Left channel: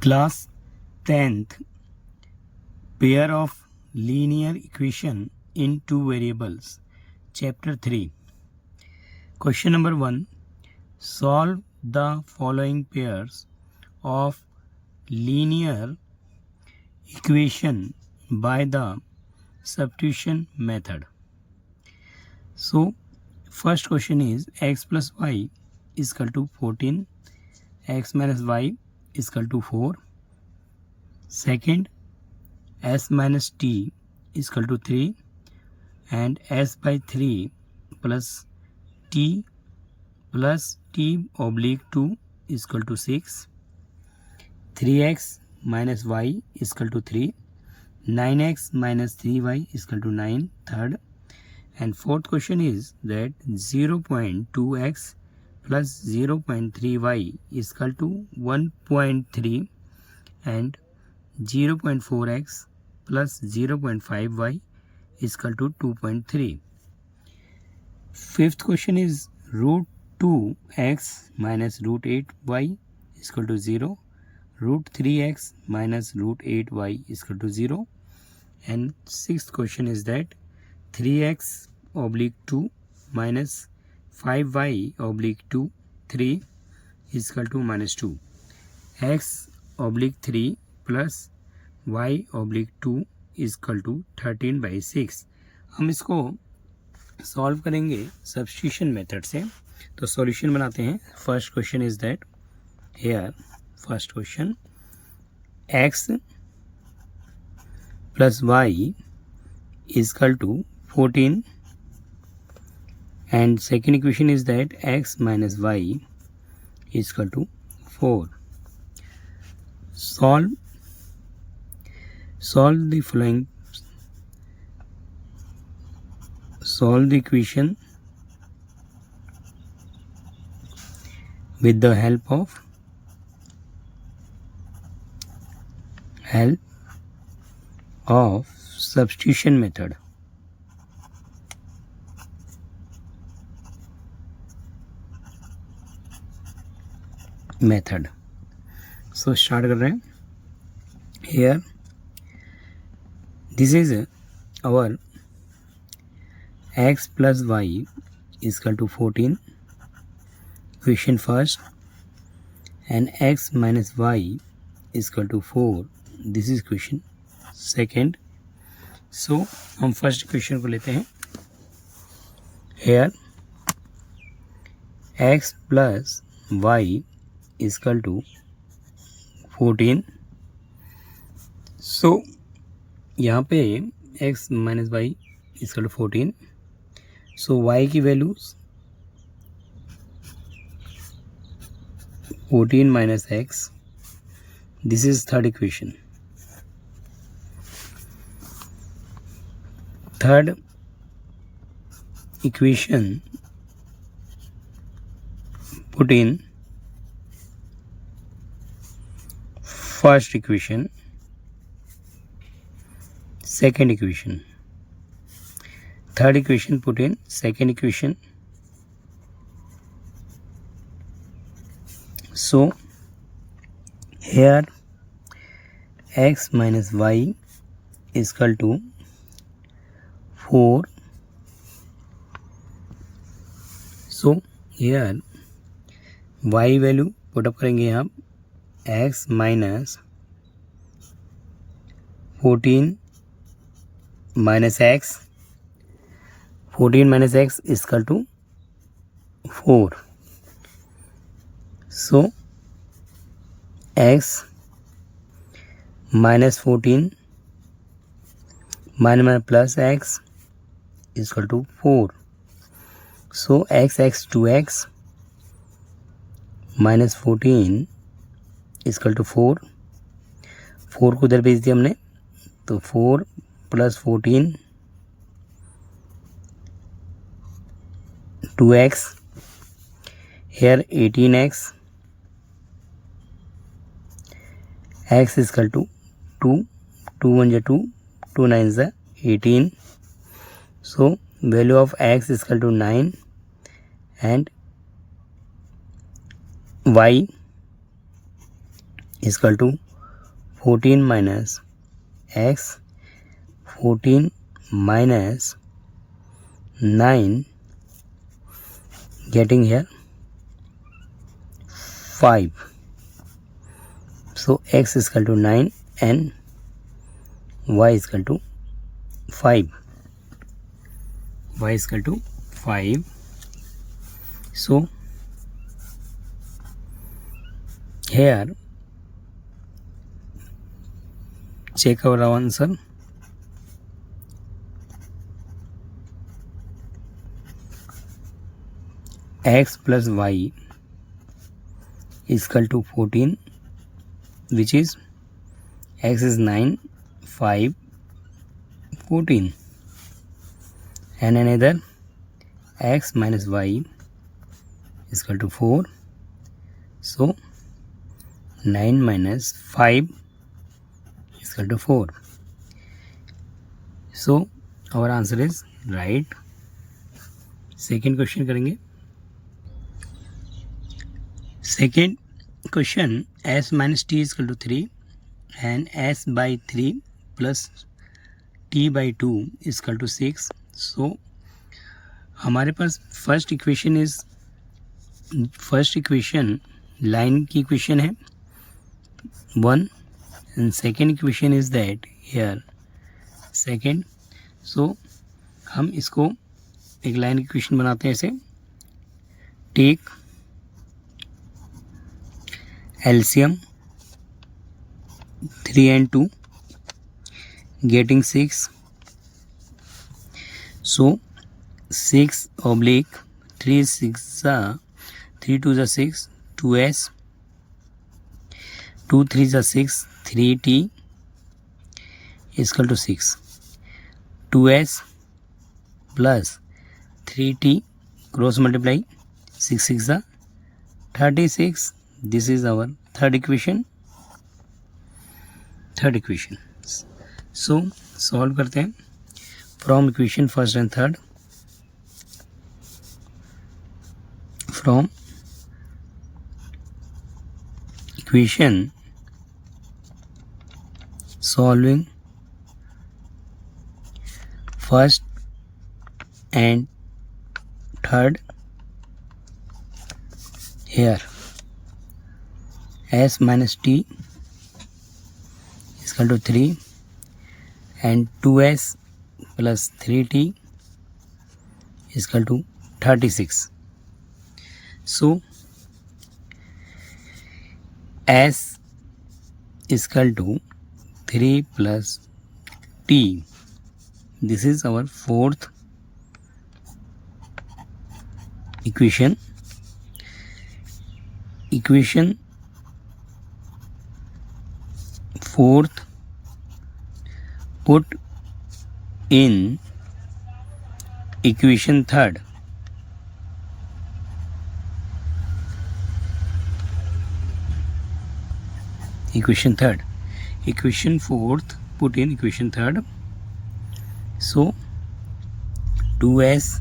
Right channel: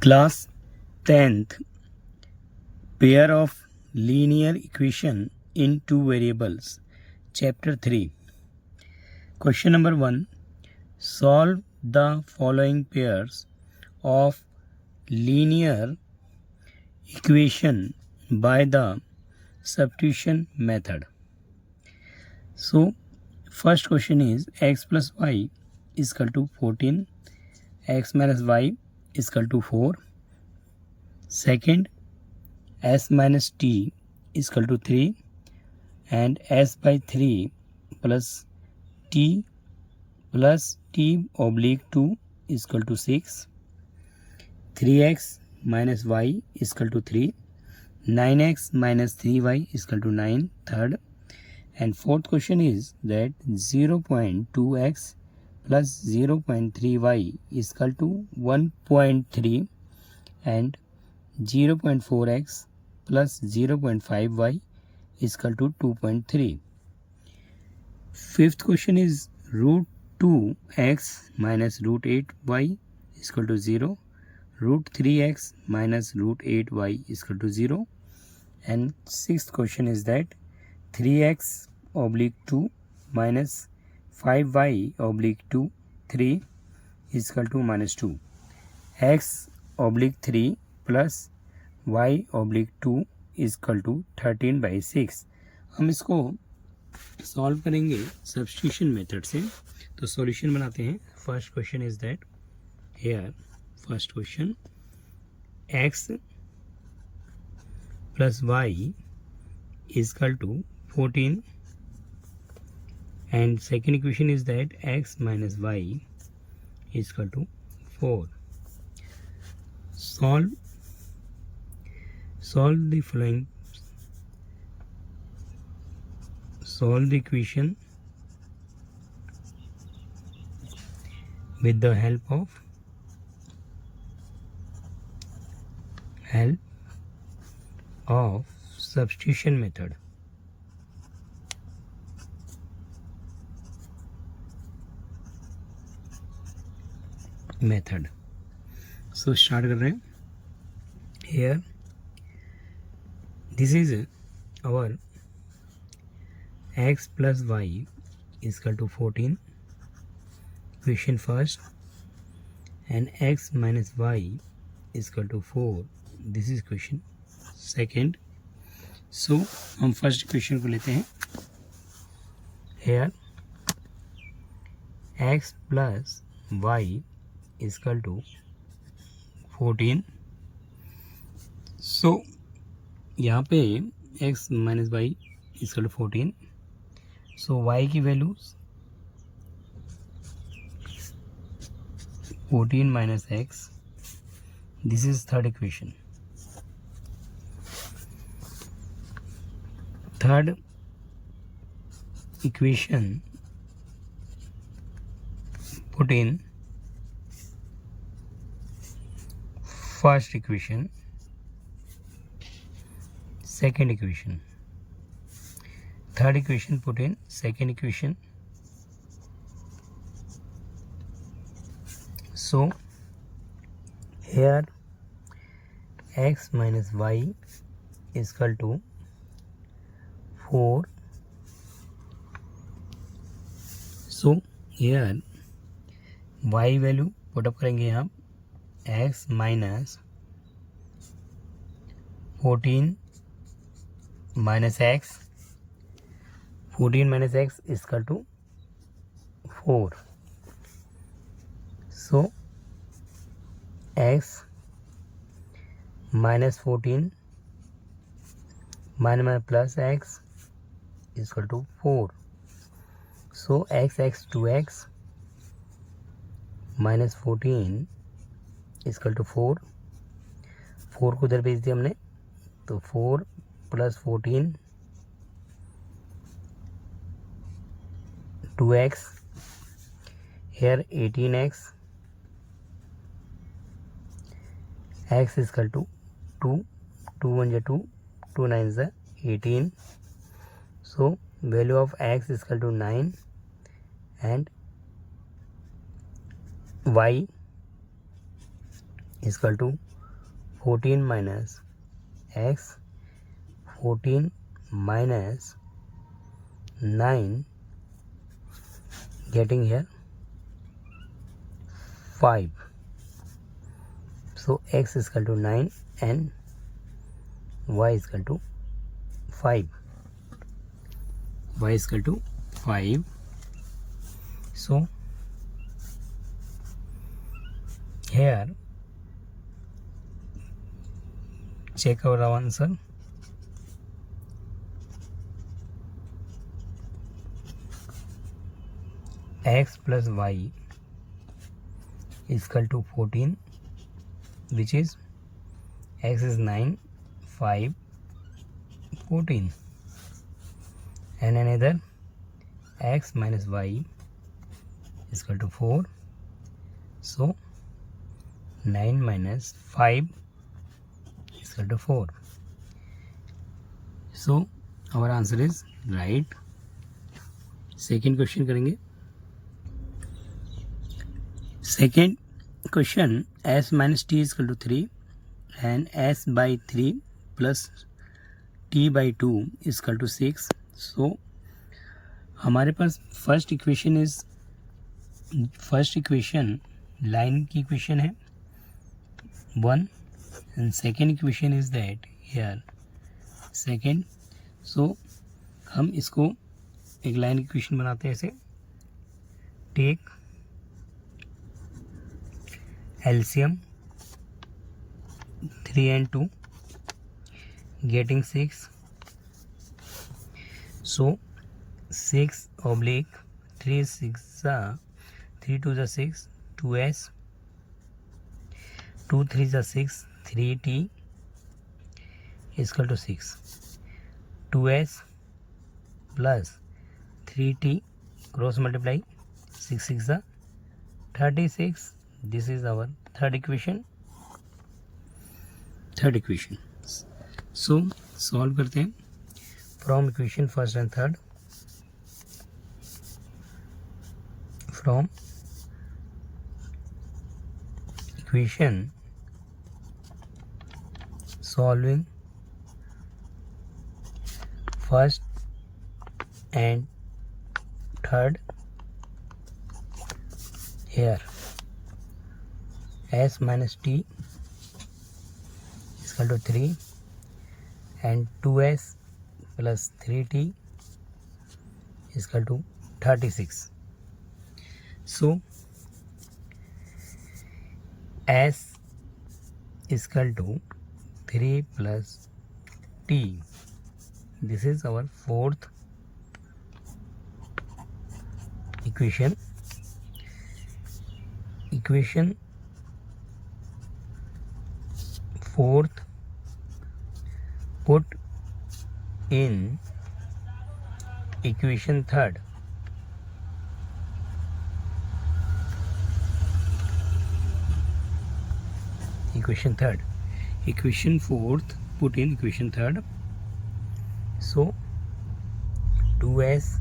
Class 10th, pair of linear equation in two variables. Chapter 3. Question number 1. Solve the following pairs of linear equation by the substitution method. So, first question is x plus y is equal to 14, x minus y is equal to 4. Second, s minus t is equal to 3 and s by 3 plus t oblique 2 is equal to 6. 3x minus y is equal to 3. 9x minus 3y is equal to 9. Third. And fourth question is that 0.2x plus 0.3y is equal to 1.3 and 0.4x plus 0.5y is equal to 2.3. Fifth question is root 2x minus root 8y is equal to 0. Root 3x minus root 8y is equal to 0. And sixth question is that 3x oblique 2 minus 5y oblique 2 3 is equal to minus 2. x oblique 3 plus y oblique 2 is equal to 13/6. हम इसको solve करेंगे substitution method से. तो solution बनाते हैं. First question is that here first question x plus y is equal to 14 and second equation is that x minus y is equal to 4. Solve the following. Solve the equation with the help of substitution method. So start कर रहे हैं. Here this is our x plus y is equal to 14 equation first and x minus y is equal to 4. This is equation second. So हम first equation को लेते हैं. Here x plus y is equal to 14. So यहाँ पे x minus y is equal to 14. So y की values 14 minus x. This is third equation. Third equation put in first equation, second equation. Third equation put in second equation. So here x minus y is equal to 4. So here y value put up करेंगे हम. x minus 14 minus x. 14 minus x is equal to 4. So x minus 14 minus plus x is equal to 4. So x 2x minus 14 is equal to 4. 4 को उधर भेज दिया हमने. तो 4 plus 14 2x. Here 18x. x is equal to 2. 2 1 is 2. 2 9 is 18. So value of x is equal to 9 and y is equal to 14 minus x, 14 minus 9, getting here 5. So x is equal to 9 and y is equal to 5. Y is equal to 5. So here check our answer. X plus y is equal to 14, which is x is 9, 5, 14, and another x minus y is equal to 4. So 9 minus 5 is equal to 4. So our answer is right. Second question करेंगे. Second question, s minus t is equal to 3 and s by 3 plus t by 2 is equal to 6. So हमारे पास first equation line की equation है 1 and second equation is that here second. So हम इसको एक line की equation बनाते हैं ऐसे. Take LCM 3 and 2 getting 6. So 6 oblique 3 6 3 2 is 6, 2s, 2 3 is 6, 3t is equal to 6. 2s plus 3t cross multiply, 6 6 is 36. This is our third equation. So solve करते हैं from equation first and third. From equation solving first and third, here s minus t is equal to 3 and 2s plus 3t is equal to 36. So s is equal to 3 plus t. This is our fourth equation. Equation fourth put in equation third. Equation fourth put in equation third. So 2s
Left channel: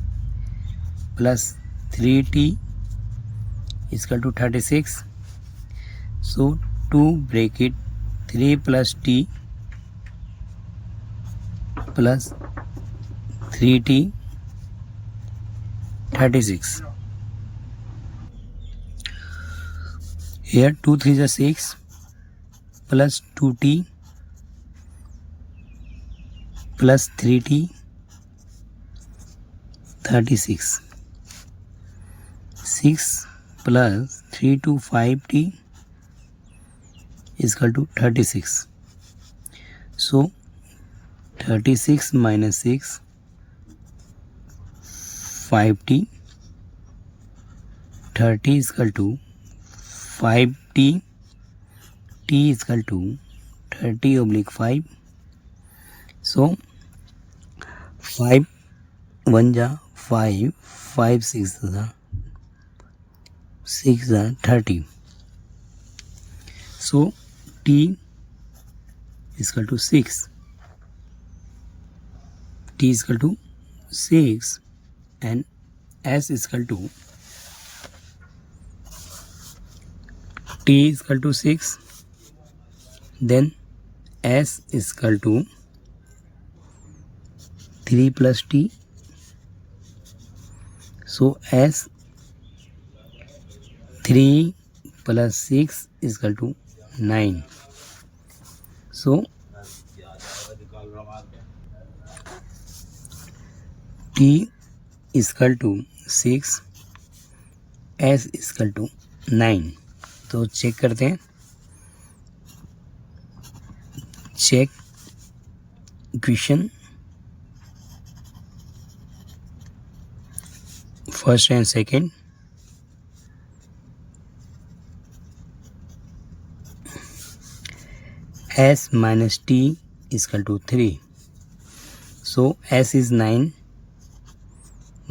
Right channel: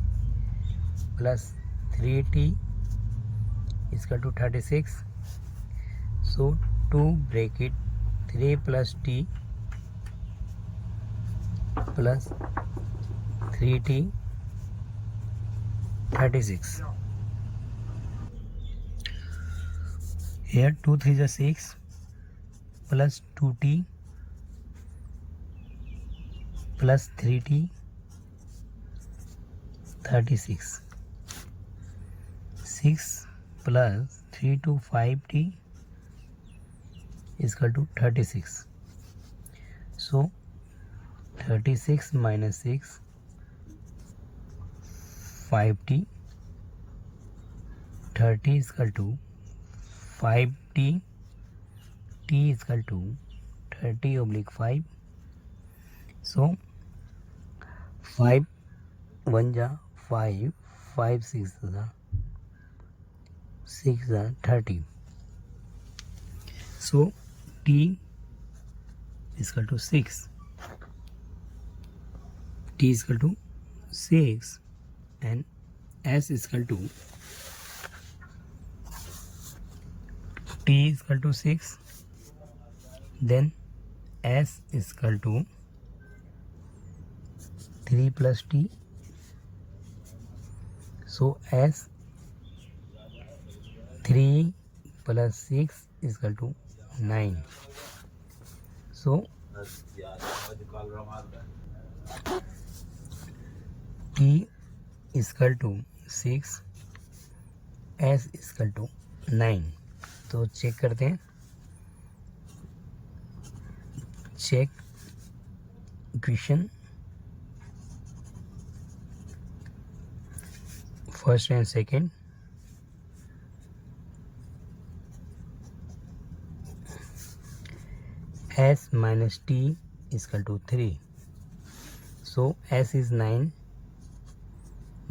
plus 3t is equal to 36. So 2 bracket 3 plus t plus 3t 36. Here 2 3 is 6 plus 2t plus 3t 36. 6 plus 3 to 5t is equal to 36. So 36 minus 6 5t, 30 is equal to 5t, t is equal to 30 oblique 5. So 5 1 ja 5, 5 6 ja 6 ja 30. So t is equal to 6. T is equal to 6 and s is equal to t is equal to 6. Then s is equal to 3 plus t. So s 3 plus 6 is equal to 9. So t is equal to 6, s is equal to 9. तो check करते हैं. Check equation first and second. s minus t is equal to 3. So s is 9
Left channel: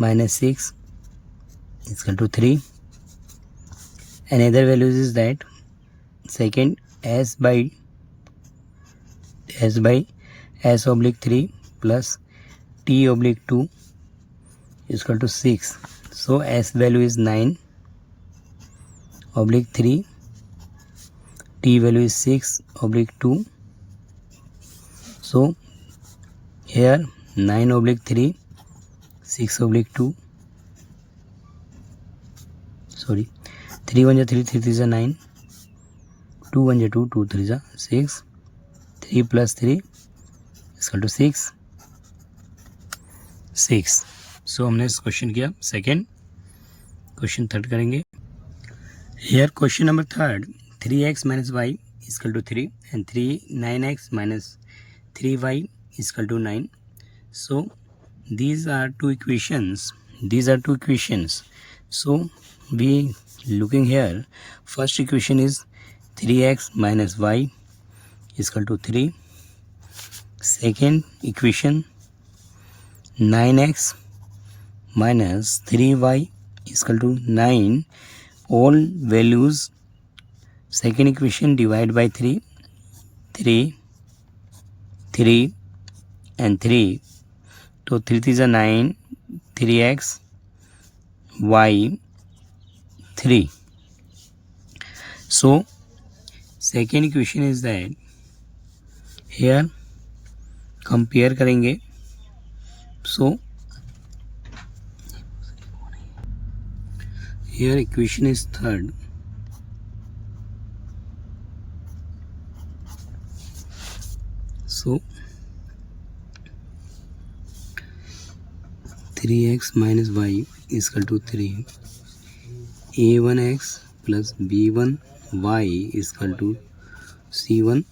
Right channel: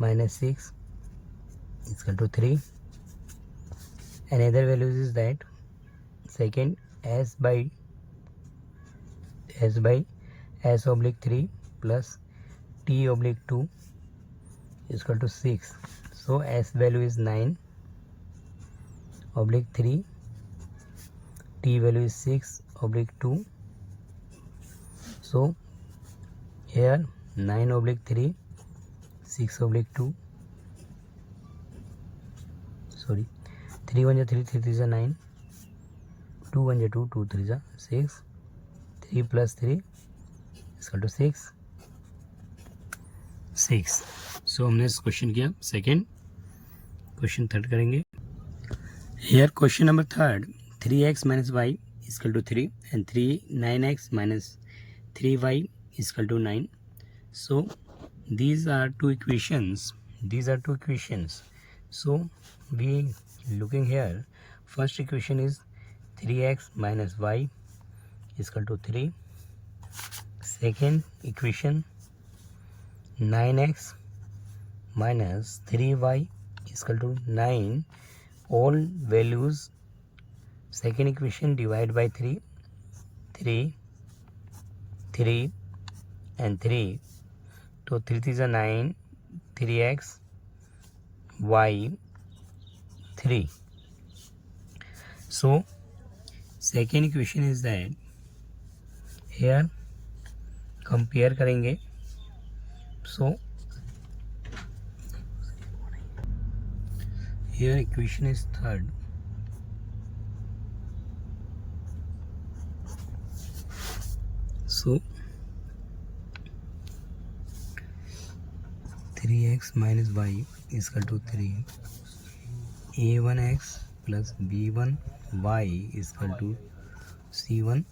minus 6 is equal to 3. Another values is that second s oblique 3 plus t oblique 2 is equal to 6. So s value is 9 oblique 3, t value is 6 oblique 2. So here 9 oblique 3, 6 oblique 2, sorry, 3 1 3, 3 3 9, 2 1 2, 2 3 6, 3 plus 3 is equal to 6. So हमने इस question किया second. Question third करेंगे. Here question number third, 3x minus y is equal to 3 and 9x minus 3y is equal to 9. So these are two equations. So we looking here, first equation is 3x minus y is equal to 3. Second equation 9x minus 3y is equal to 9. All values second equation divide by 3 and 3. So 3 is a 9, 3x y 3. So second equation is that here compare करेंगे. So here equation is third. So 3x minus y is equal to 3. a1x plus b1y is equal to c1.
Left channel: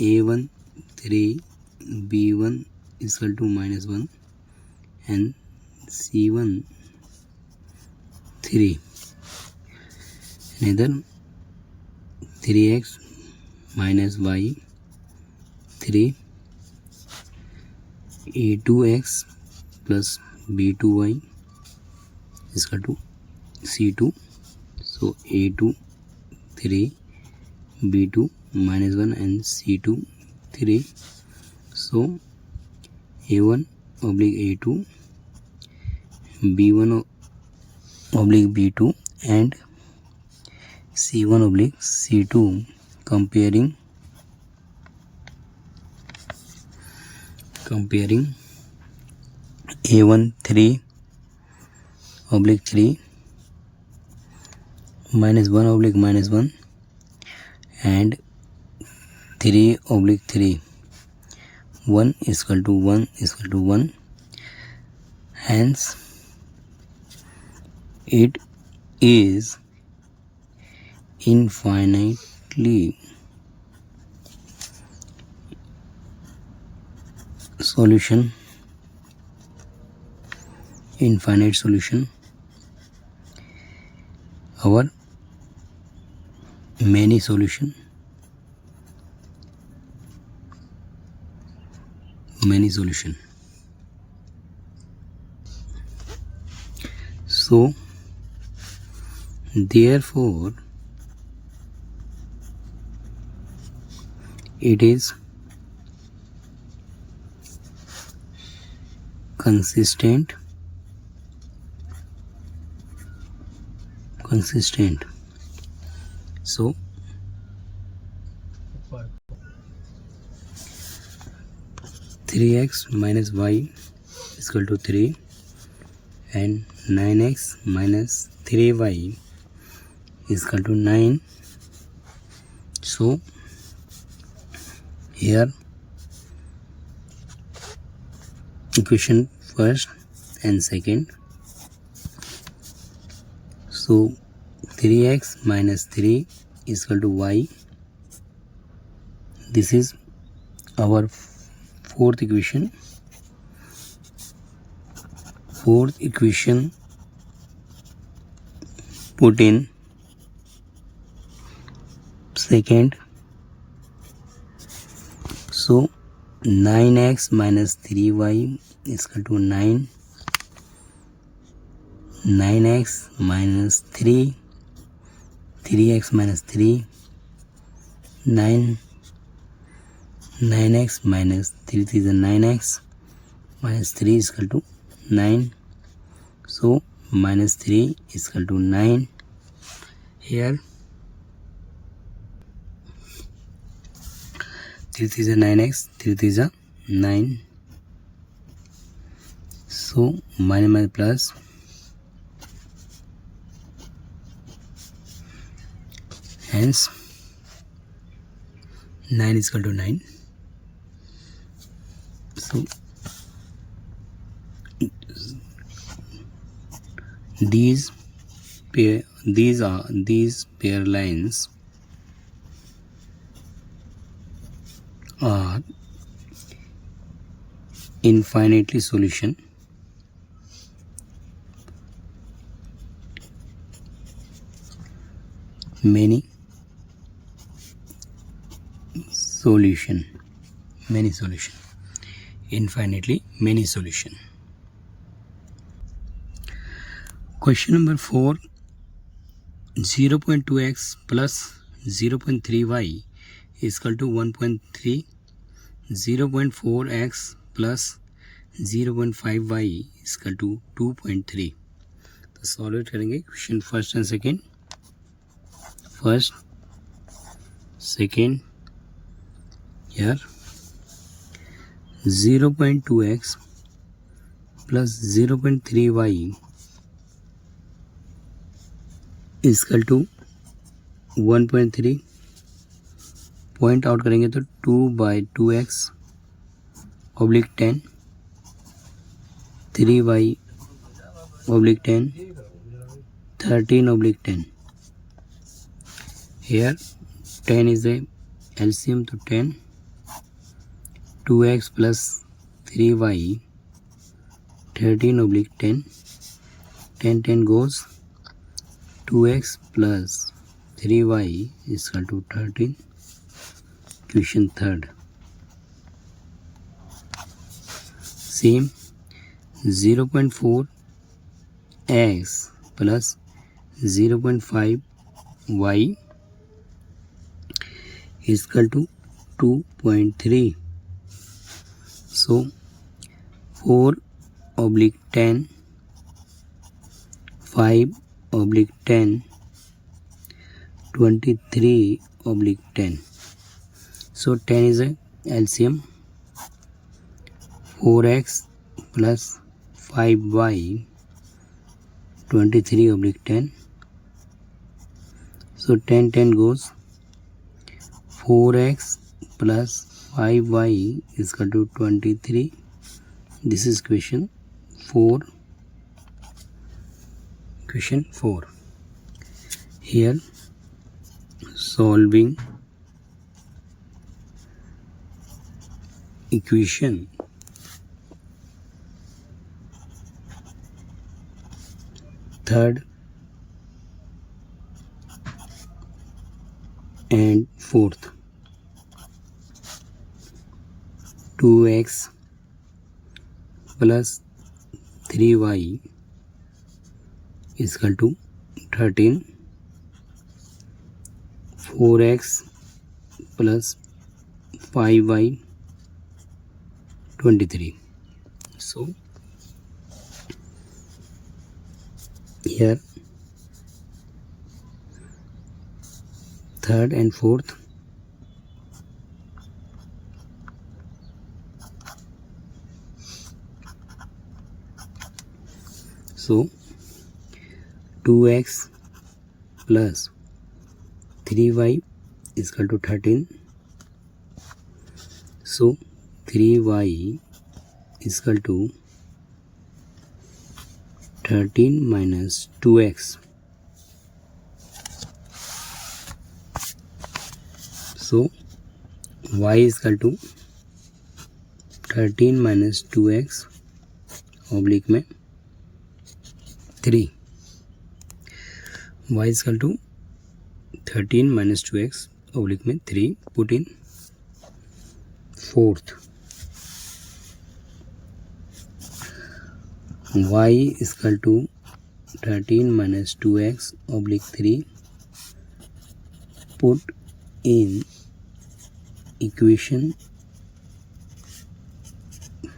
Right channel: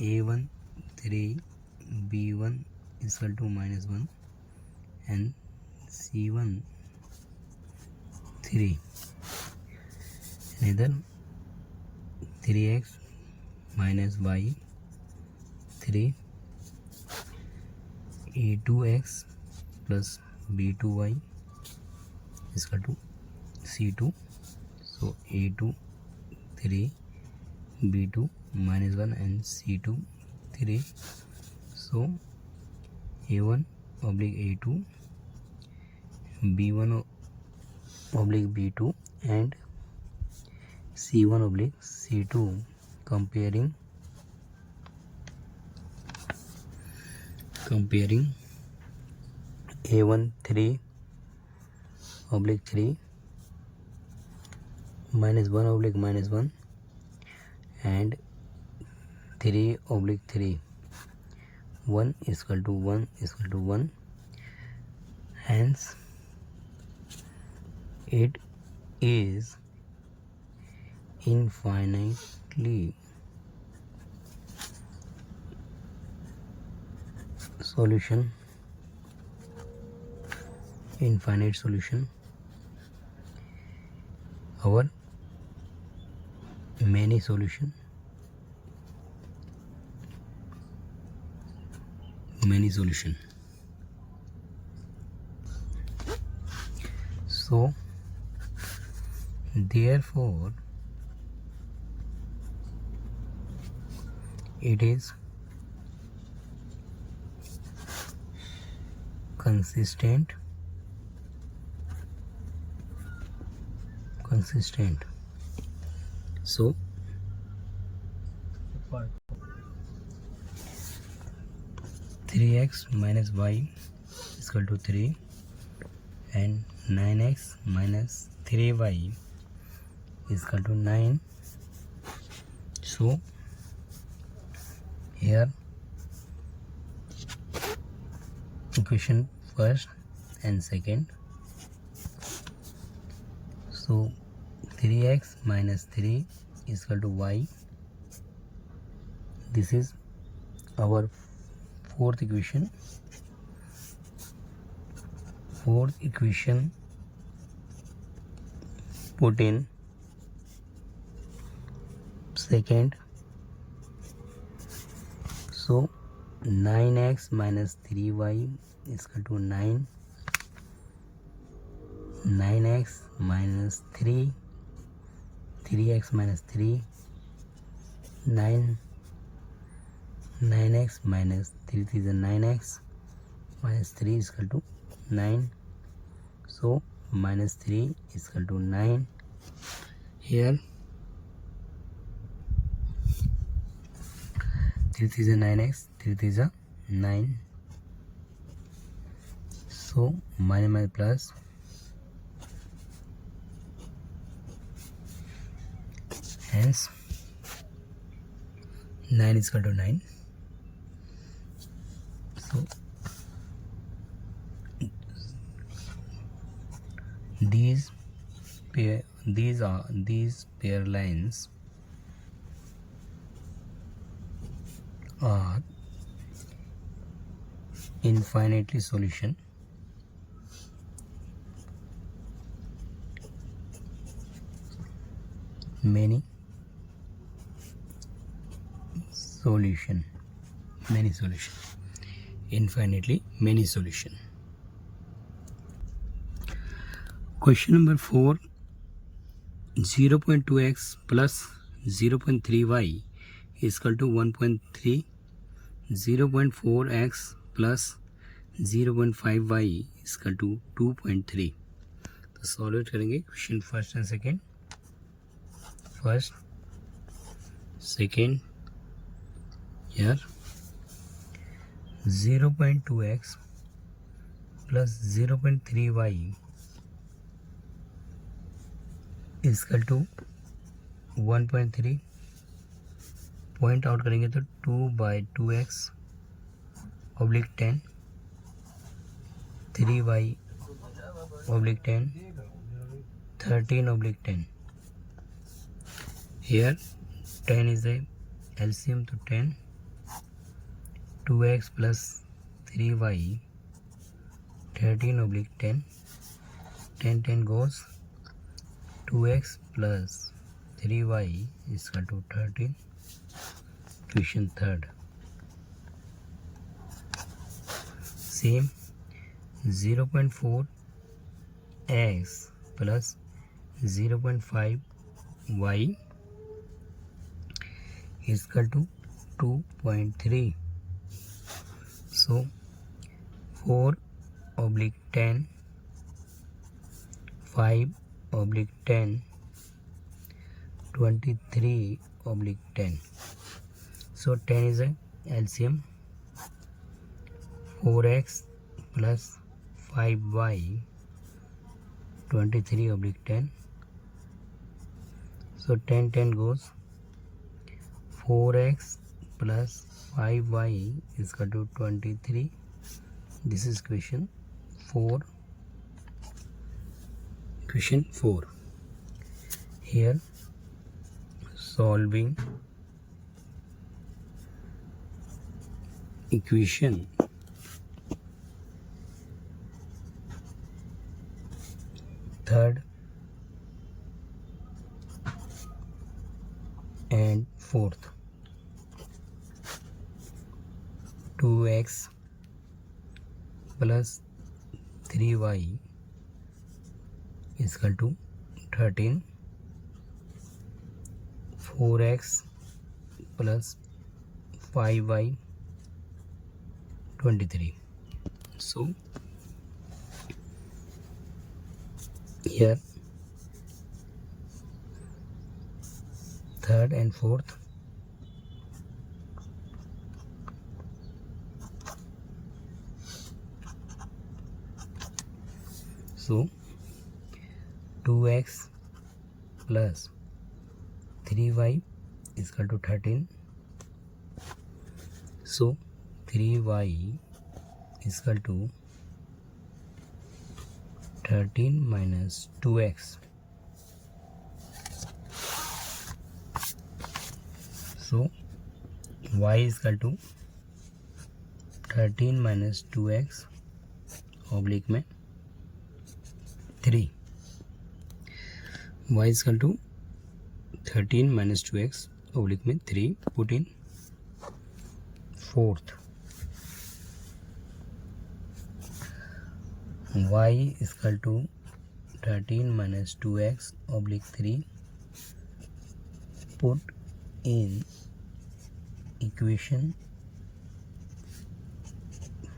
a1 3, b1 is equal to minus 1 and c1 3. Another 3x minus y 3, a2x plus b2y is equal to c2. So a2 3, b2 minus 1 and c2 3. So a1 oblique a2, b1 oblique b2 and c1 oblique c2. Comparing a1 3 oblique 3 minus 1 oblique minus 1 and 3 oblique 3. 1 is equal to 1 is equal to 1. Hence it is infinitely solution, infinite solution. Our many solution, so therefore it is consistent. So 3x minus y is equal to 3 and 9x minus 3y is equal to 9. So here equation first and second. So 3x minus 3 is equal to y. This is our fourth equation. Fourth equation put in second. So 9x minus 3y is equal to 9. 9x minus 3, 3x minus 3, 9, 9x minus 3 is a 9x minus 3 is equal to 9. So minus 3 is equal to 9. Here 3 is a 9x, 3 is a 9. So minus plus. Hence 9 is equal to 9. So these pair lines are infinitely solution. Many solution, infinitely many solution. Question number 4. 0.2x plus 0.3y is equal to 1.3. 0.4x plus 0.5y is equal to 2.3. तो solve करेंगे question first and second. First second. Here 0.2x plus 0.3y is equal to 1.3. Point out करेंगे तो 2/2x oblique 10, 3y oblique 10, 13 oblique 10. Here 10 is a LCM to 10. 2x plus 3y 13 oblique 10. 10 goes. 2x plus 3y is equal to 13. Question third. Same 0.4 x plus 0.5 y is equal to 2.3. So 4/10, 5/10, 23/10. So 10 is a LCM. 4x plus 5y 23/10. So 10 goes. 4x plus 5y is equal to 23. This is question 4. Question 4. Here solving equation third and fourth. 2x plus 3y is equal to 13. 4x plus 5y 23. So here third and fourth. So 2x plus 3y is equal to 13. So 3y is equal to 13 minus 2x. So y is equal to 13 minus 2x oblique में 3. y is equal to 13 minus 2x oblique में 3. Put in fourth. y is equal to 13 minus 2x oblique 3. Put in equation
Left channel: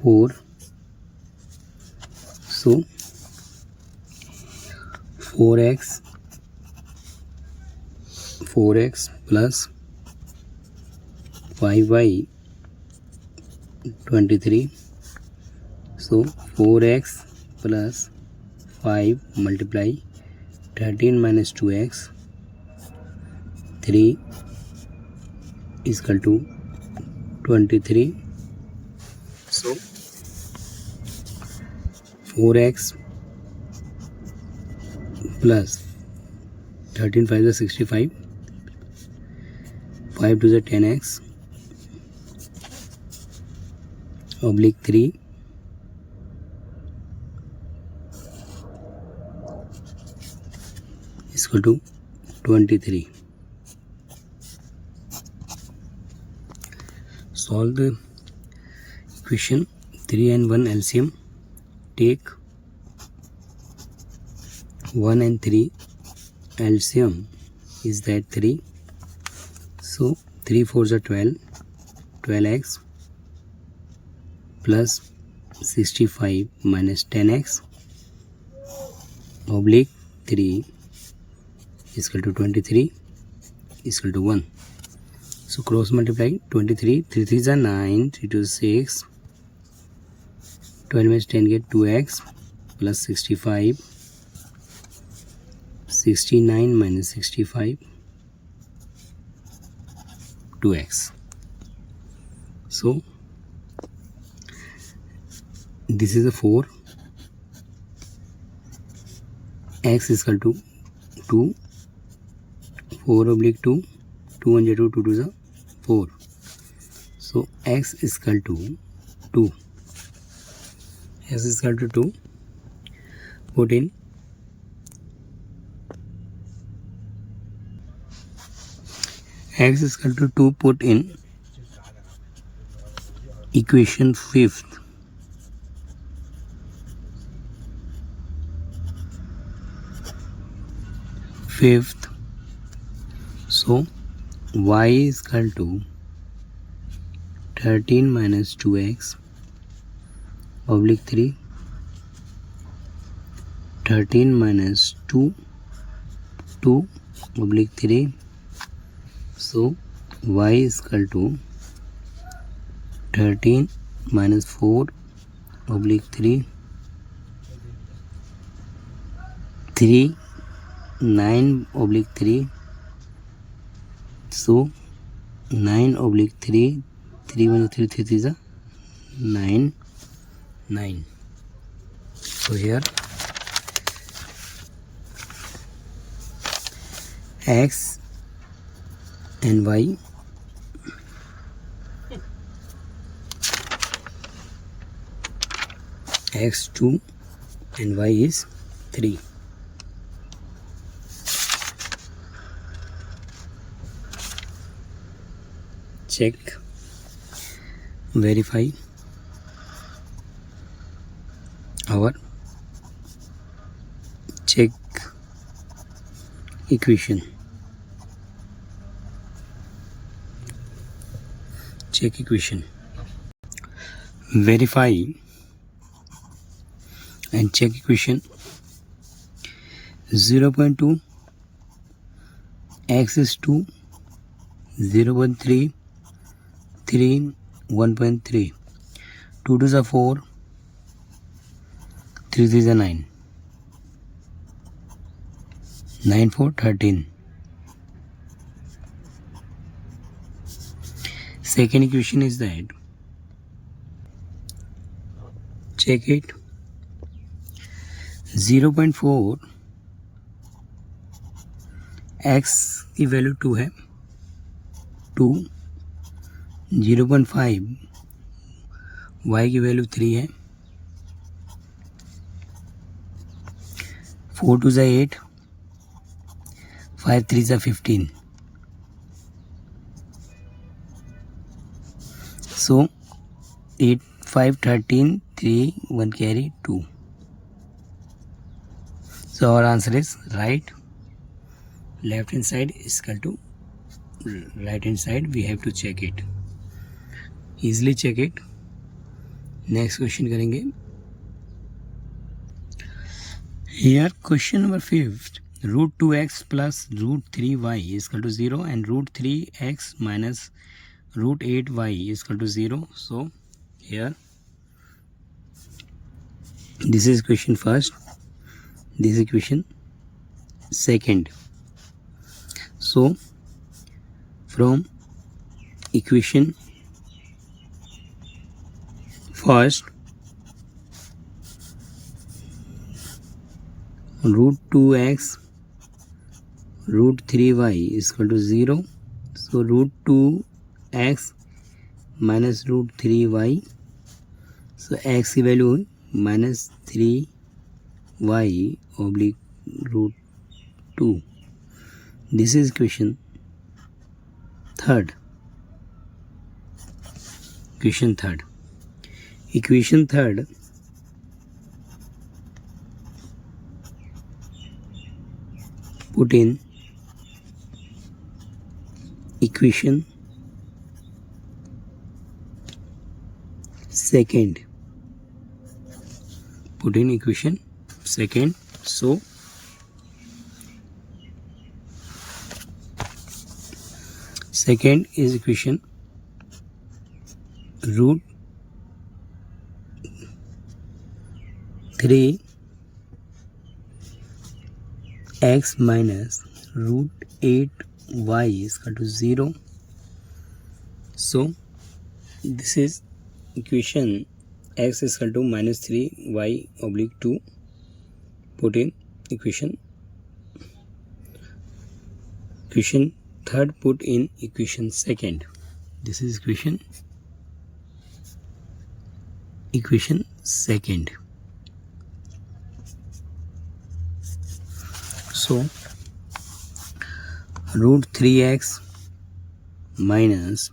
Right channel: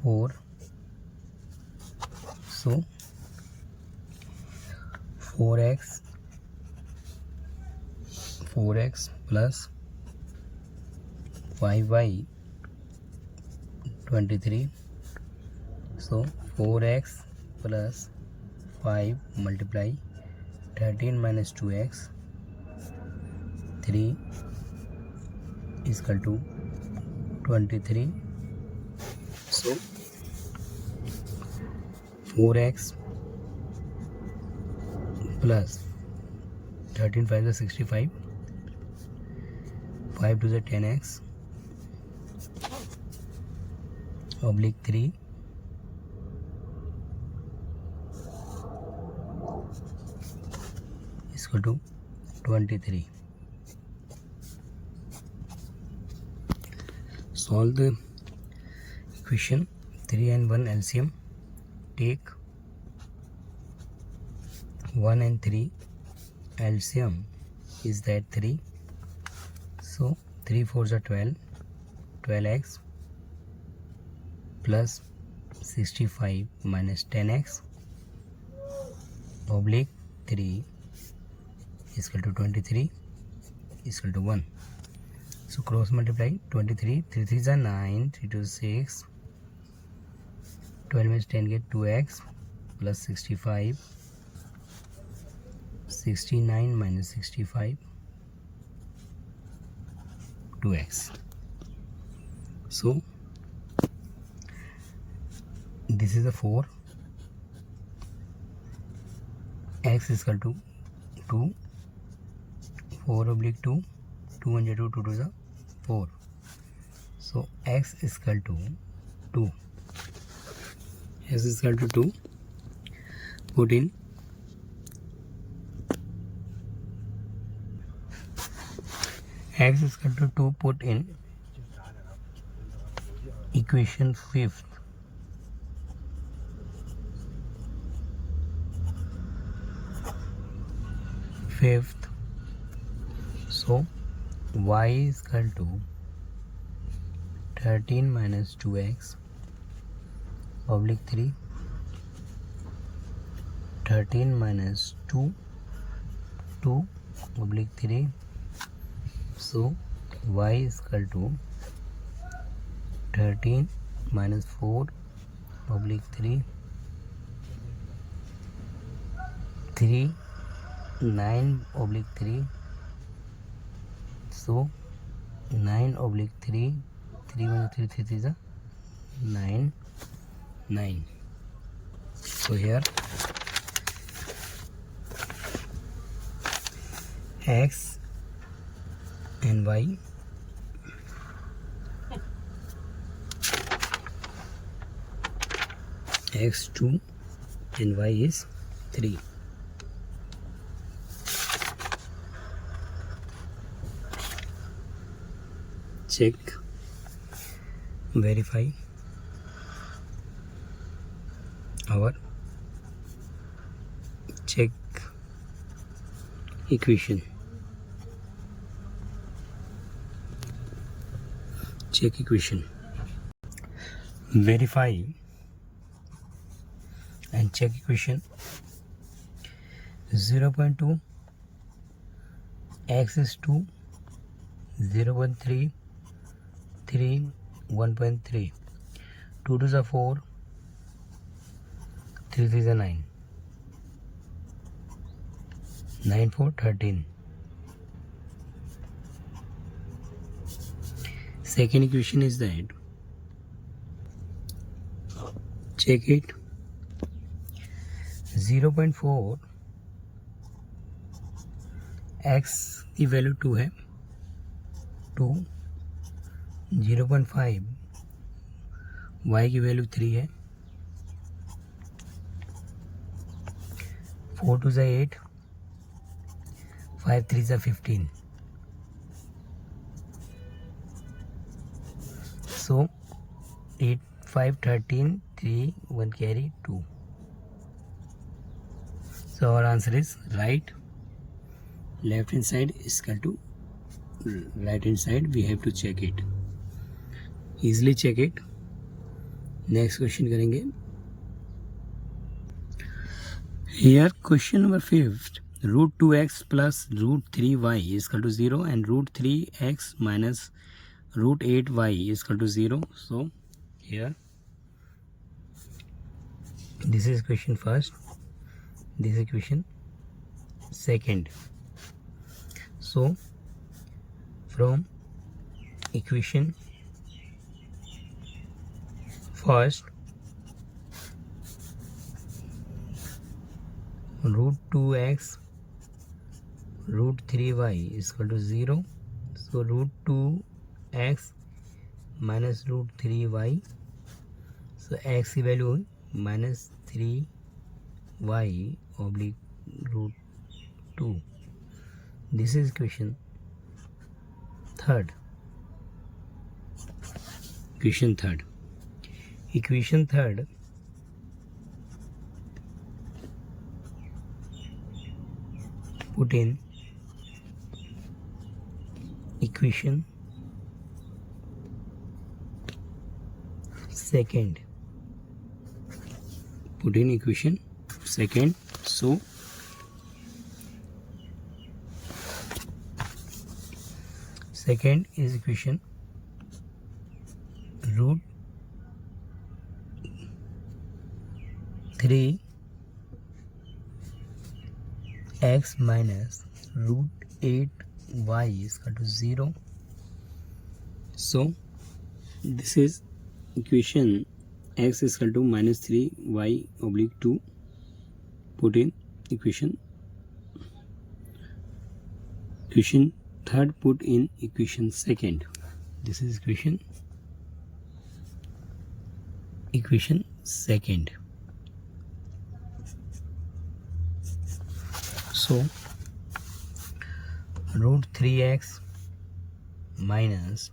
4. So 4x plus 5y 23. So 4x plus 5 multiply 13 minus 2x 3 is equal to 23. So 4x plus 13 5 is 65, 5 to the 10x oblique 3 is equal to 23. Solve the equation 3 and 1 LCM. Take 1 and 3 LCM is that 3. So 3 4s are 12, 12x plus 65 minus 10x oblique 3 is equal to 23 is equal to 1. So cross multiply 23, 3 3s are 9, 3 2 6, 12 minus 10 get 2x plus 65, 69 minus 65, 2x. So this is a 4, x is equal to 2, 4 oblique 2, 2 and 2, 2 to the 4. So x is equal to 2. X is equal to 2. Put in x is equal to 2. Put in equation 5th. So y is equal to 13 minus 2x oblique 3, 13 minus 2 oblique 3. So y is equal to 13 minus 4 oblique 3, 9 oblique 3. So 9 oblique 3, 3 1 3 3 3 is 9. So here x and y x 2 and y is 3. Check, verify our check equation. Check equation. Verify and check equation. 0.2 x is 2, 0.3 3 1.3, 2 to the 4, 3 is a 9. 9 4 13. Second equation is that, check it, 0.4 x की value 2 है, 2, 0.5 y की value 3 है, 4 2 is 8, 5 3 is 15. So 8 5 13 3 1 carry 2. So our answer is right. Left hand side is equal to right hand side. We have to check it. Easily check it. Next question करेंगे. Here question number 5. Root 2x plus root 3y is equal to 0 and root 3x minus root 8y is equal to 0. So here this is equation first, this is equation second. So from equation first, root 2x root 3y is equal to 0. So root 2x minus root 3y. So x की value minus 3y oblique root 2. This is equation third. Equation third. Equation third. Put in equation second. Put in equation second. So second is equation root 3 x minus root 8 y is equal to 0. So this is equation x is equal to minus 3 y oblique 2. Put in equation third, put in equation second. This is equation second. So root 3x minus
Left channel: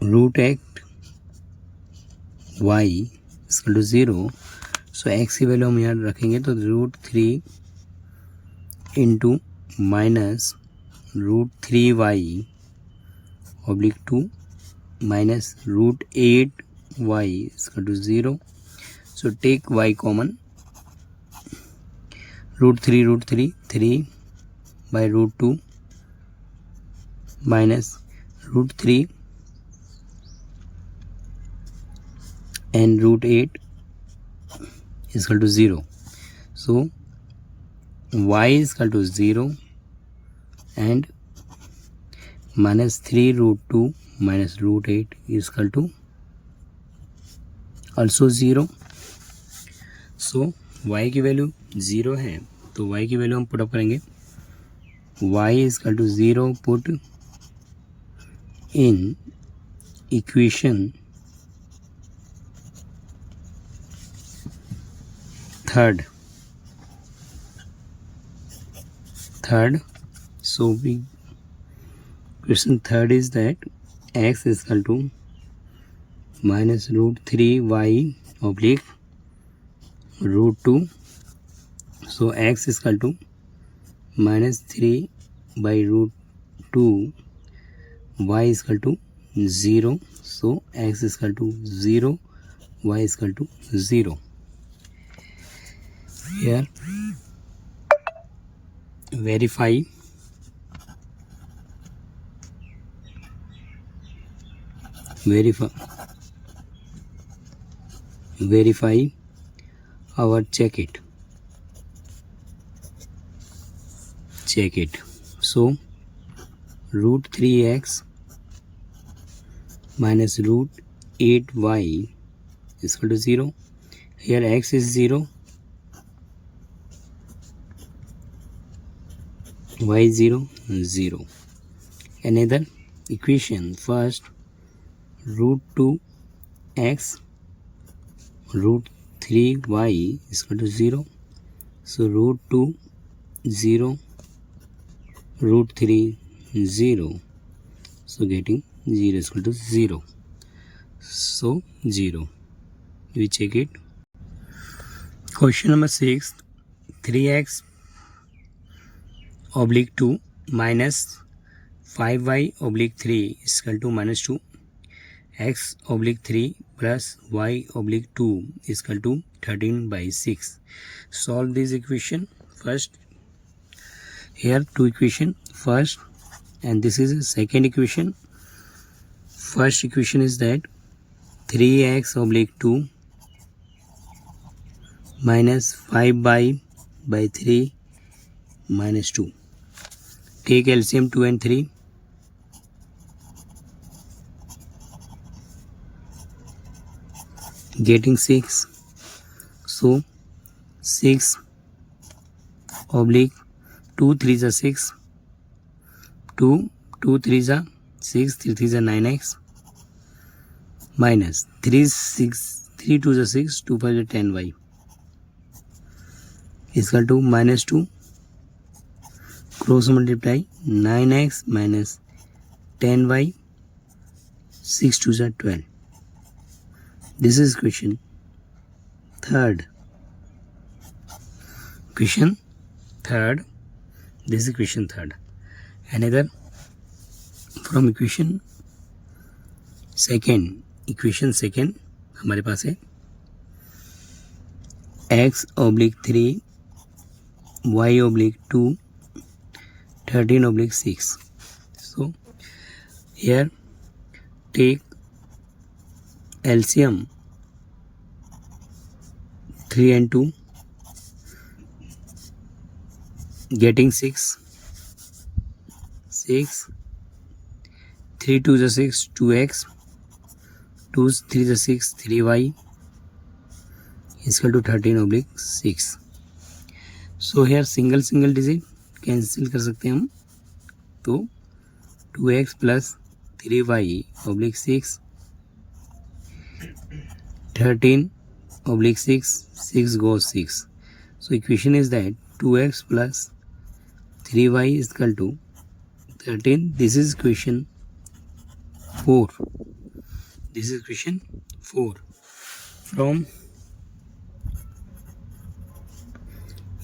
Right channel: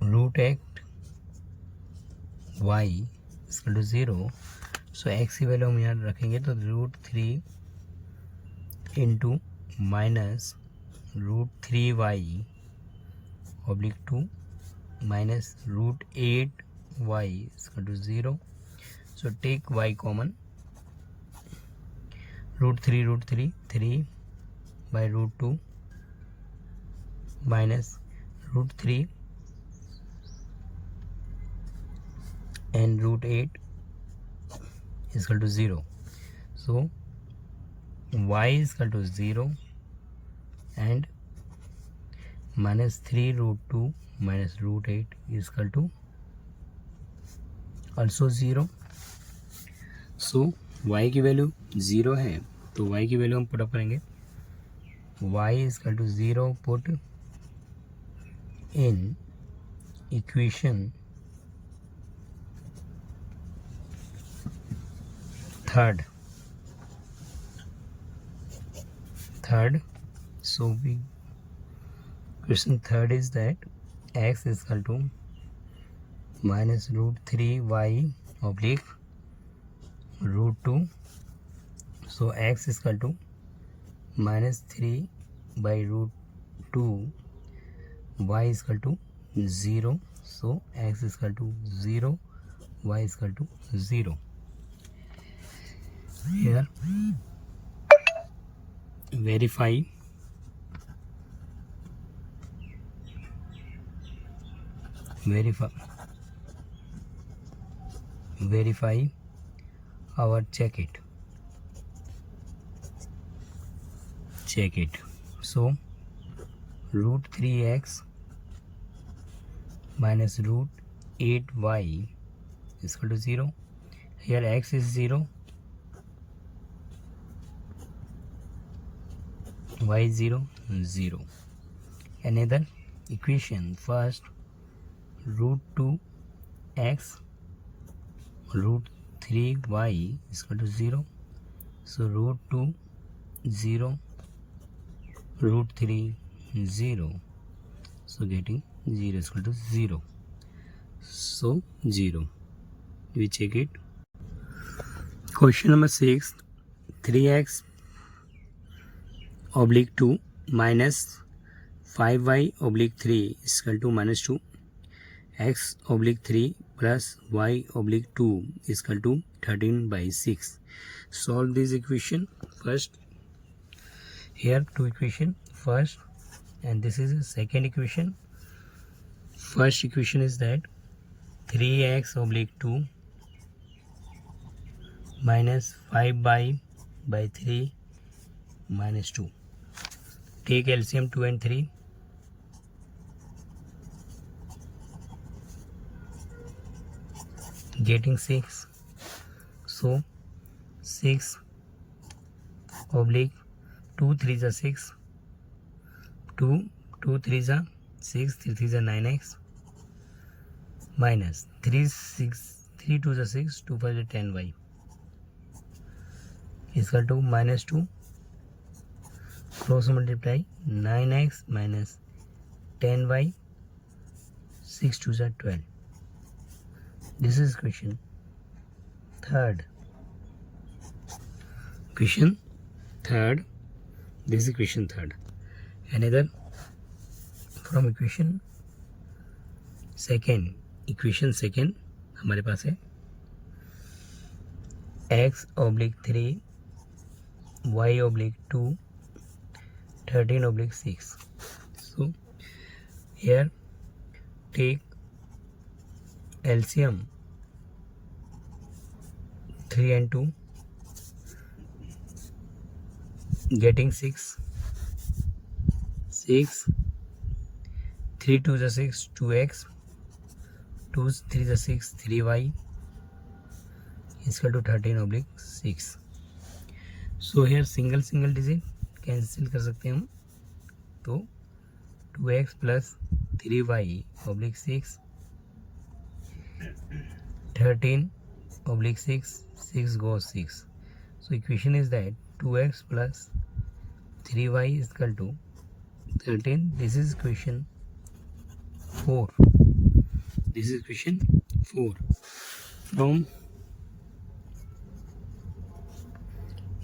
root 8 y is equal to 0. So x की value हम यहाँ रखेंगे तो root 3 into minus root 3y oblique 2 minus root 8y is equal to 0. So take y common. Root 3 3 by root 2 minus root 3 and root 8 is equal to 0. So y is equal to 0 and minus 3 root 2 minus root 8 is equal to also 0. So y की value 0 है तो y की value हम put up करेंगे. y is equal to 0 put in equation third. So we question third is that x is equal to minus root 3y oblique root 2. So x is equal to minus 3 by root 2, y is equal to 0. So x is equal to 0, y is equal to 0. Here verify our check it. check it. So root 3x minus root 8y is equal to 0. Here x is 0, y is 0, 0. Another equation, first root 2x root 3y is equal to 0. So root 2 0 root 3 0. So getting 0 is equal to 0. So 0. We check it. Question number 6. 3x oblique 2 minus 5y oblique 3 is equal to minus 2. X oblique 3 plus y oblique 2 is equal to 13 by 6. Solve this equation. First, here two equation. First, and this is the second equation. First equation is that 3x oblique 2 minus 5y by 3 minus 2. Take LCM 2 and 3. Getting 6. So 6 oblique 2 3s are 6. 2 3s are 6, 3 3s are 9x minus 3 6 3 2s are 6, 2 5s are 10y is equal to minus 2. Cross multiply 9x minus 10y, 6 2s are 12. This is equation third. Equation third. This is equation third. Another from equation second. Equation second हमारे पास है x oblique 3 y oblique 2 13 oblique 6. So here take LCM 3 and 2, getting 6. 6 3 2 is 6, 2x 2 3 is 6, 3y is equal to 13 oblique 6. So here single digit cancel कर सकते हैं हम, तो 2x plus 3y oblique 6 13 oblique 6 goes 6. So equation is that 2x plus 3y is equal to 13. This is equation 4. This is equation 4. From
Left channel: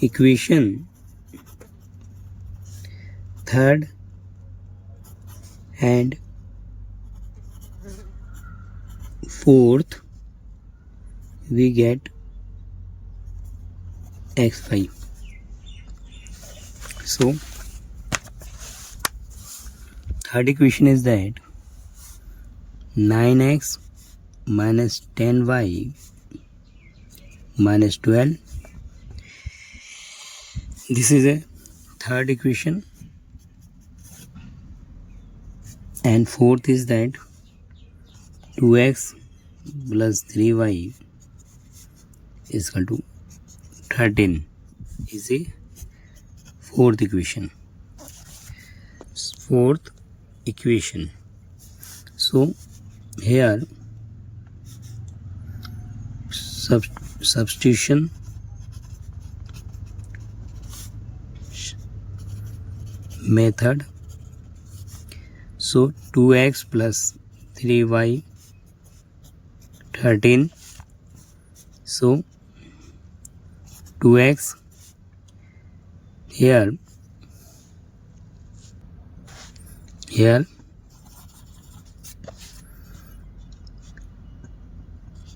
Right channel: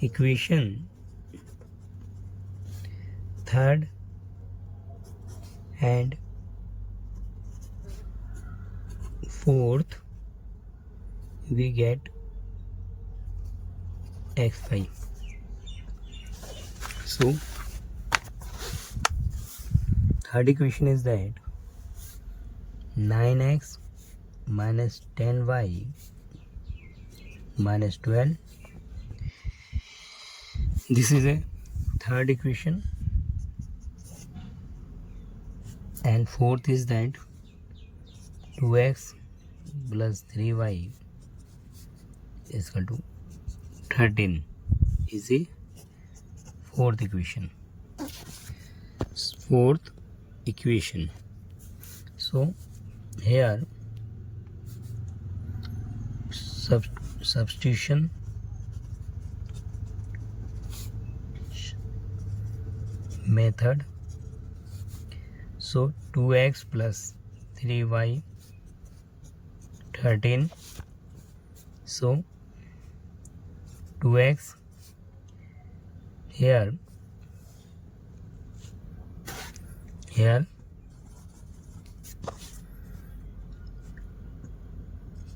equation third and fourth we get x5. So third equation is that 9x minus 10y minus 12. This is a third equation. And fourth is that 2x plus 3y is equal to 13 is a fourth equation. Fourth equation. So here substitution method. So 2x plus 3y 13. So 2x here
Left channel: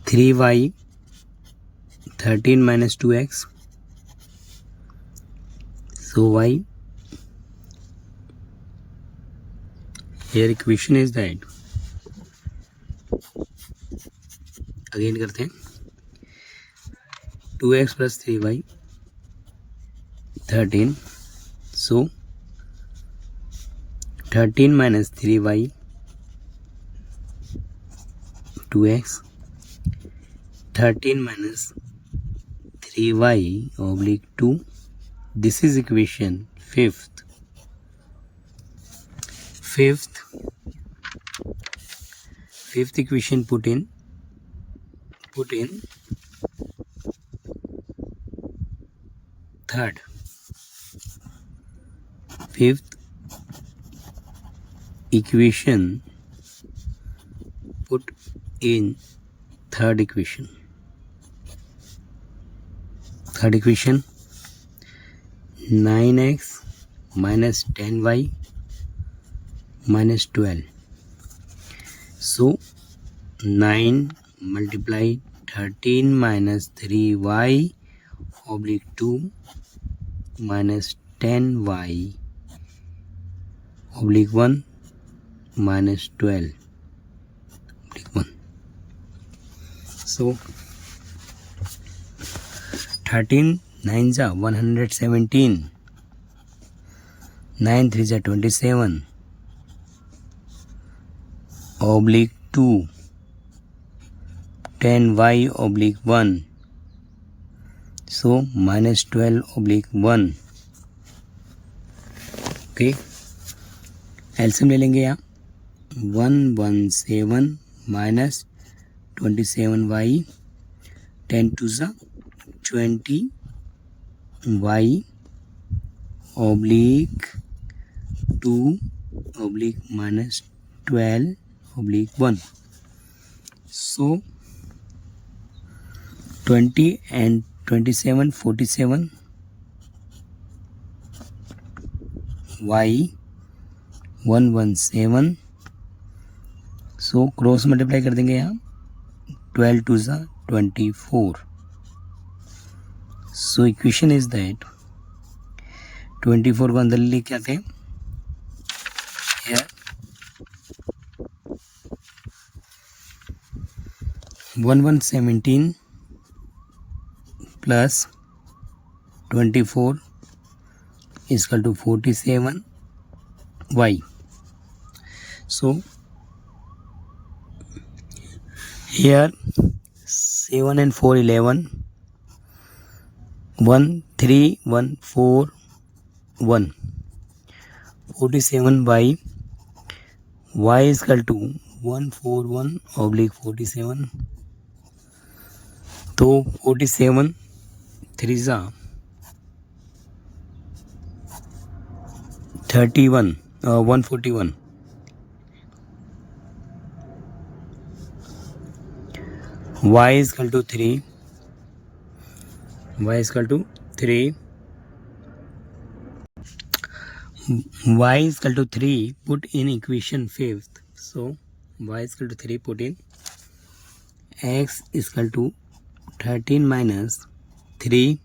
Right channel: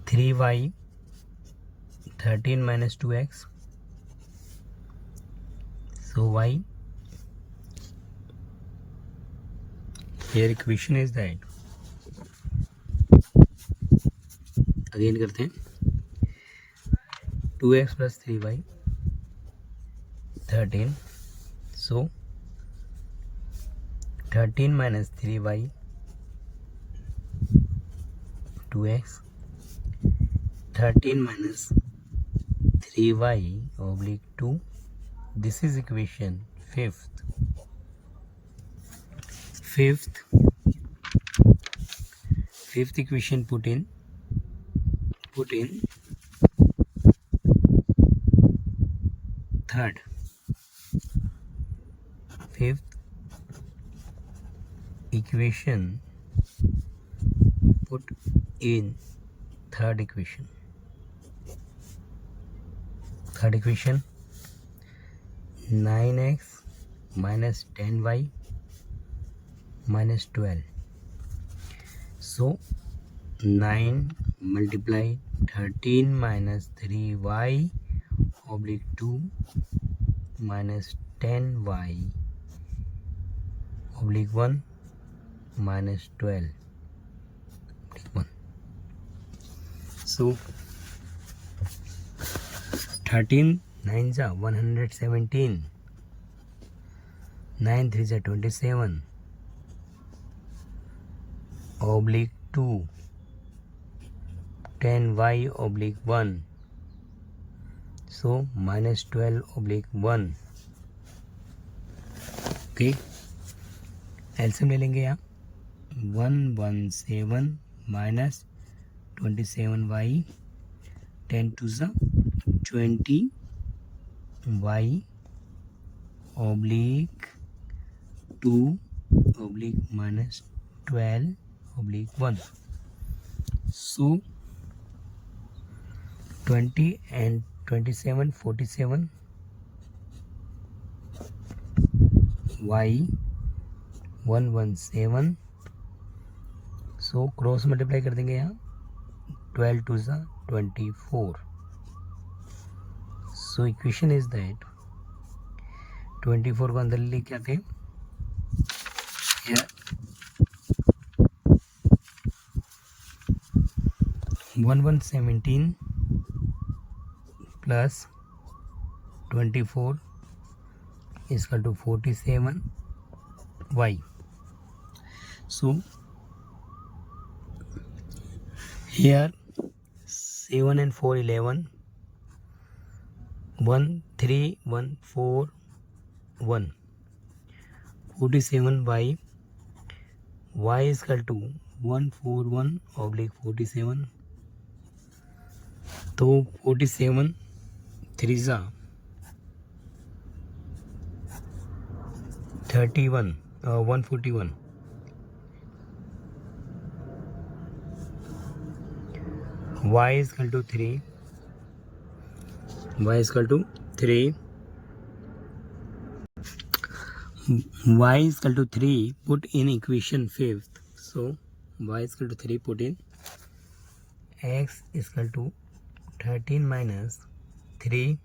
3y 13 minus 2x. So y here equation is that, again करते हैं 2x plus 3y 13. So 13 minus 3y 2x, 13 minus 3y oblique 2. This is equation fifth. Fifth equation put in third. Fifth equation put in third equation. Third equation 9x minus 10y minus 12. So 9 multiply 13 minus 3y oblique 2 minus 10y oblique 1 minus 12 oblique 1. So 13 9s are 117, 9 3s are 27 oblique 2, 10y oblique 1, so minus 12 oblique 1. Okay, एल्सियम ले लेंगे यहाँ 117 minus 27y, 10 to सा 20y oblique 2 oblique minus 12 oblique 1. So 20 and 27 47 y 117. So cross multiply कर देंगे यहाँ 12 to सा 24. So equation is that 24 को अंदर लेके आते हैं here 1117 plus 24 is equal to 47y. So here 7 and 4 11, 1 3 1 4 1, 47y, y is equal to 141 oblique 47. तो 47 3 जा 31 141. Y is equal to 3. Y is equal to 3. Y is equal to 3. Put in equation fifth. So y is equal to 3. Put in x is equal to 13 minus 3.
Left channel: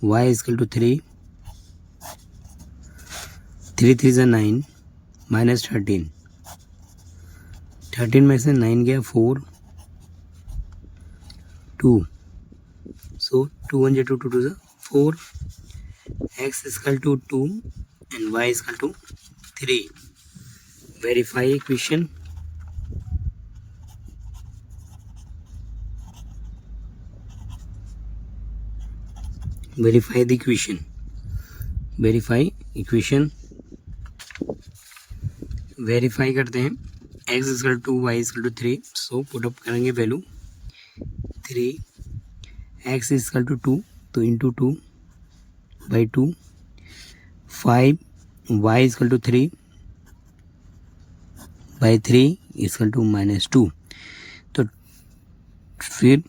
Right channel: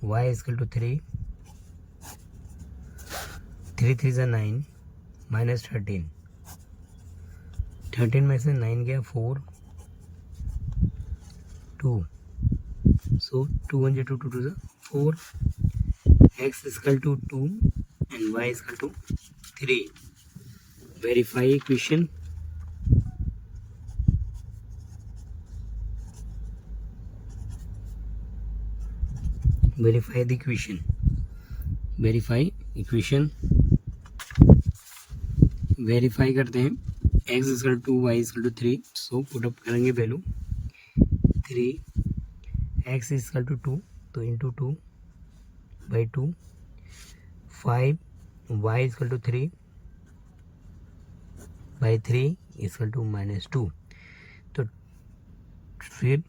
Y is equal to 3. 3 3 is 9 minus 13. 13 में से 9 गया 4 2. So 2 1 2 2 2 4. X is equal to 2 and y is equal to 3. Verify equation. Verify the equation. Verify equation. Verify करते हैं. X is equal to y is equal to 3. So put up करेंगे value 3. X is equal to 2. तो into 2 by 2. 5. Y is equal to 3 by 3 is equal to minus 2. तो फिर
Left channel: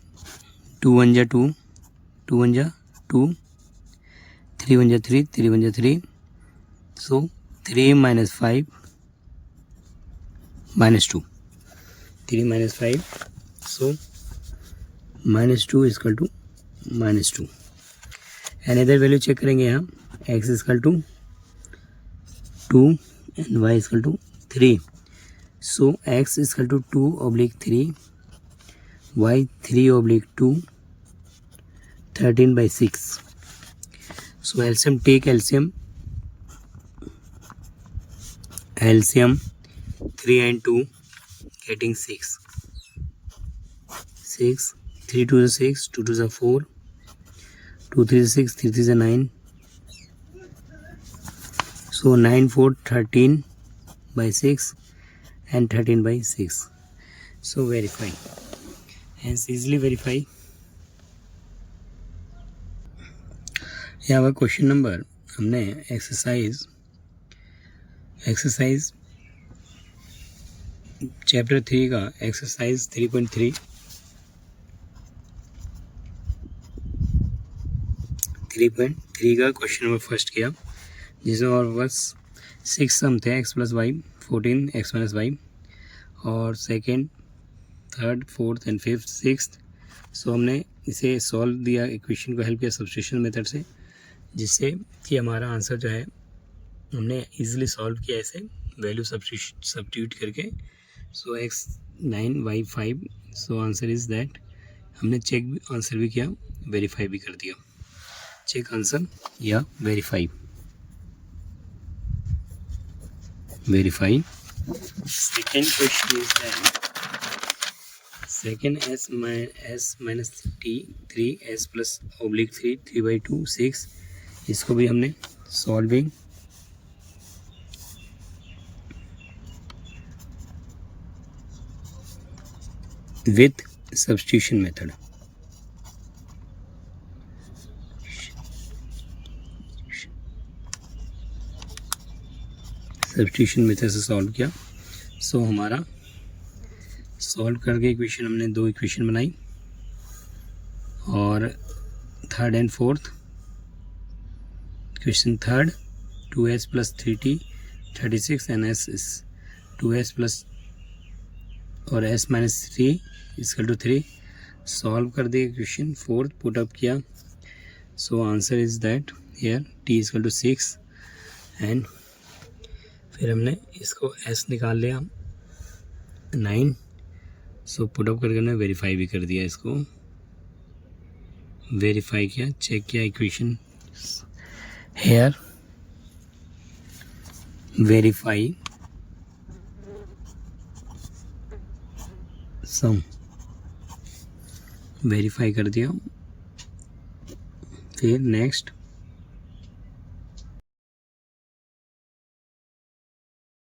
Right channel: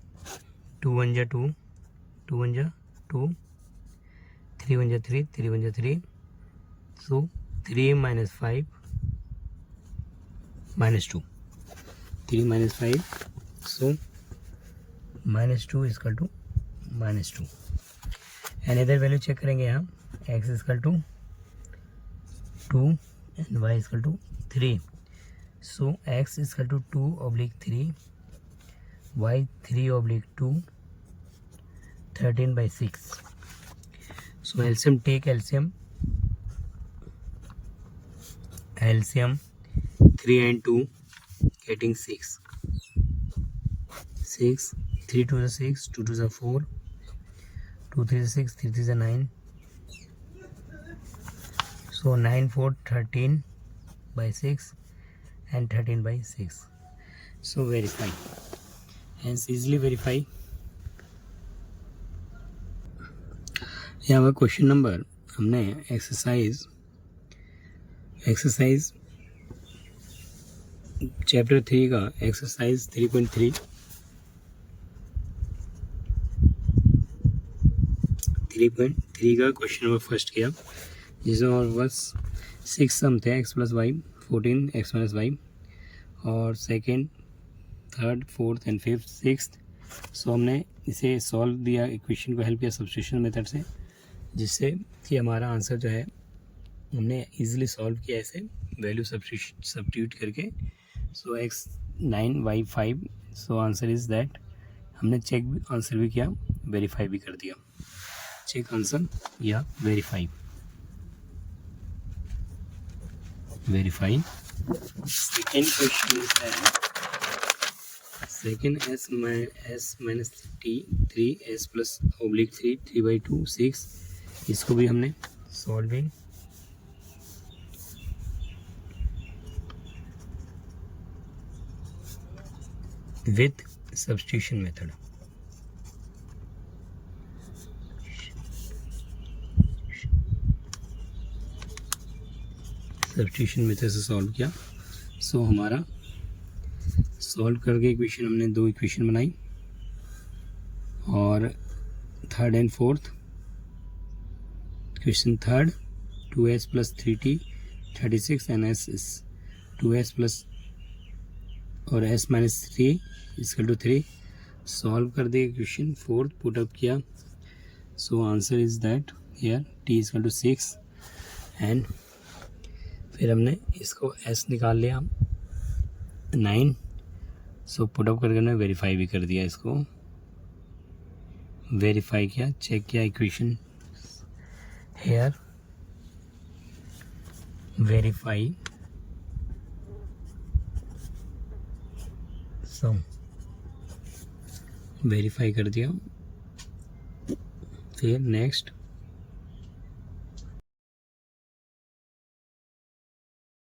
2 1 जा 2, 2 1 जा 2, 3 1 जा 3, 3 1 जा 3. So 3 minus 5 minus 2. 3 minus 5. So minus 2 is equal to minus 2. Another value check करेंगे यहाँ. X is equal to 2 and y is equal to 3. So x is equal to 2 oblique 3, y 3 oblique 2, 13 by 6. So LCM, take LCM. LCM 3 and 2 getting 6. 6, 3 2 is 6, 2 2 is 4, 2 3 is 6, 3 3 is 9. So 9 4 13 by 6 and 13 by 6. So verify. Hence easily verify. यहाँ पर question number हमने exercise chapter 3 का exercise 3.3 का question number first किया, जिसमें और बस 6 सम थे x + y 14 x - y, और second, third, fourth and fifth, sixth. So हमने इसे सॉल्व दिया, इक्वेशन को हेल्प किया सब्स्टिट्यूशन मेथड से, जिससे कि हमारा आंसर जो है हमने इजीली सॉल्व किया ऐसे वैल्यू सब्स्टिट्यूट करके। सो x 9 y 5। So answer is that. हमने चेक आंसर भी किया, वेरीफाई भी कर दिया। चेक आंसर या verify. Second question is that second s minus t 3s plus oblique 3 3/2 6, इसको भी हमने solving with substitution method. Substitution method से सॉल्व किया। सो हमारा सॉल्व करके इक्वेशन हमने 2 इक्वेशन बनाई, और third and fourth equation third 2s + 3t 36 and s is 2s plus और s - 3 = 3। सॉल्व कर दिया इक्वेशन फोर्थ, पुट अप किया। So answer is that here t = 6, and फिर हमने इसको s निकाल लिया 9। सो पुट अप करके हमने वेरीफाई भी कर दिया, इसको वेरीफाई किया, चेक किया equation here, verify some, verify कर दिया। फिर नेक्स्ट